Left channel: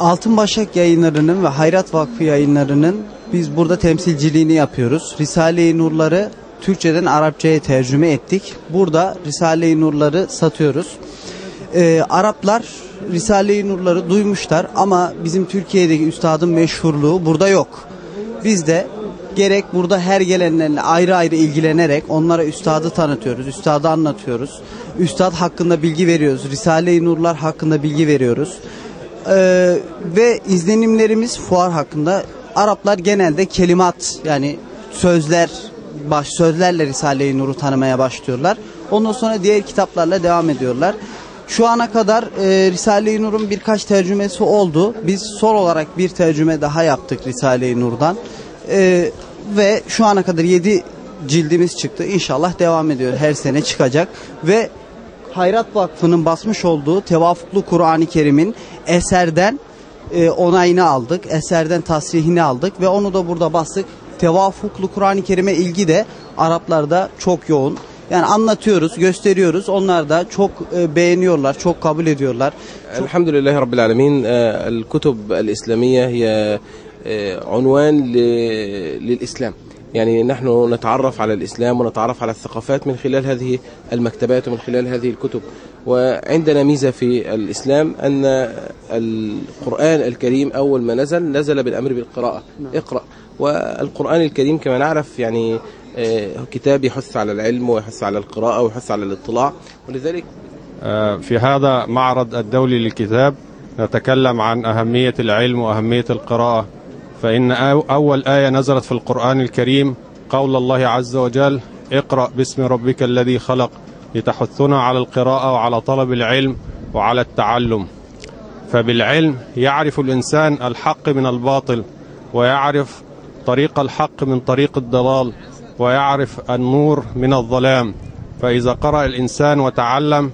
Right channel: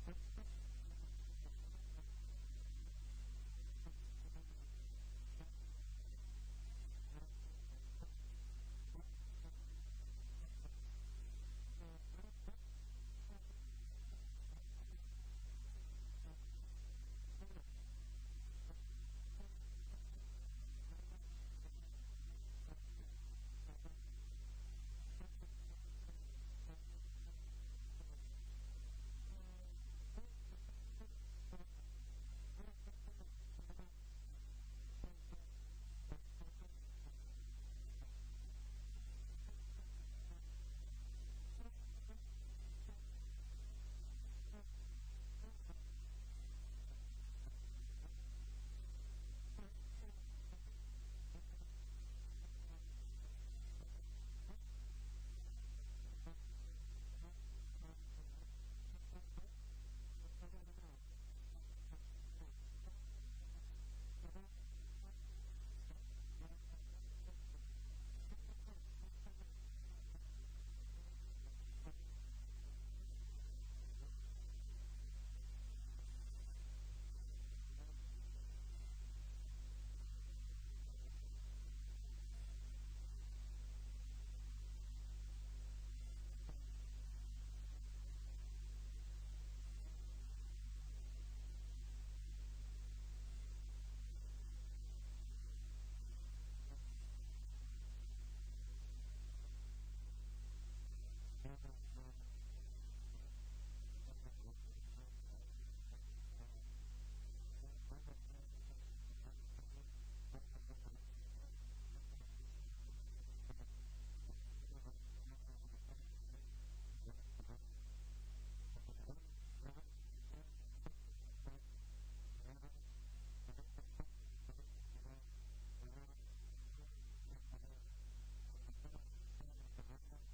Altın Başak Yayınları'nın ve Hayrat Vakfı Yayınları'nın biz burada temsilciliğini yapıyoruz. Risale-i Nurları Türkçeden Arapçaya tercüme ettik. Burada Risale-i Nurları satıyoruz. Araplar Risale-i Nurları duymuşlar ama bizim Türkiye'deki üstadın meşhurluğu burada yok. Biz de gerek burada her gelenlerle ayrı ayrı ilgilenerek onlara üstadı tanıtıyoruz, üstadı anlatıyoruz. Üstad hakkında bilgi veriyoruz, Risale-i Nurlar hakkında bilgi veriyoruz. Ve izlenimlerimiz fuar hakkında. Araplar genelde kelimat, yani sözlerle Risale-i Nur'u tanımaya başlıyorlar. Ondan sonra diğer kitaplarla devam ediyorlar. Şu ana kadar Risale-i Nur'un birkaç tercümesi oldu. Biz son olarak bir tercüme daha yaptık Risale-i Nur'dan. Ve şu ana kadar 7 cildimiz çıktı. İnşallah devam ediyor. Her sene çıkacak. Ve Hayrat Vakfı'nın basmış olduğu Tevafuklu Kur'an-ı Kerim'in eserden onayını aldık. Eserden tasrihini aldık ve onu da burada bastık. Tevafuklu Kur'an-ı Kerim'e ilgi de Araplarda çok yoğun. Yani anlatıyoruz, gösteriyoruz. Onlar da çok beğeniyorlar, çok kabul ediyorlar. Elhamdülillahi Rabbil Alemin. El-Kutub el-İslamiyye hiye unvan lil-İslam. يعني نحن نتعرف على الإسلام ونتعرف على الثقافات من خلال هذه المكتبات ومن خلال هذه الكتب. وعندنا ميزة في الإسلام أن القرآن الكريم أول ما نزل بالأمر بالقراءة. اقرأ. والقرآن الكريم كما نعرف يعني كتاب يحث على العلم ويحث على القراءة ويحث على الاطلاع. ولذلك في هذا معرض الدولي للكتاب نتكلم عن أهمية العلم وأهمية القراءة. فإن أول آية نزلت في القرآن الكريم قول الله عز وجل اقرأ باسم ربك الذي خلق لتحثنا على القراءة وعلى طلب العلم وعلى التعلم. فبالعلم يعرف الإنسان الحق من الباطل ويعرف طريق الحق من طريق الضلال ويعرف النور من الظلام. فإذا قرأ الإنسان وتعلم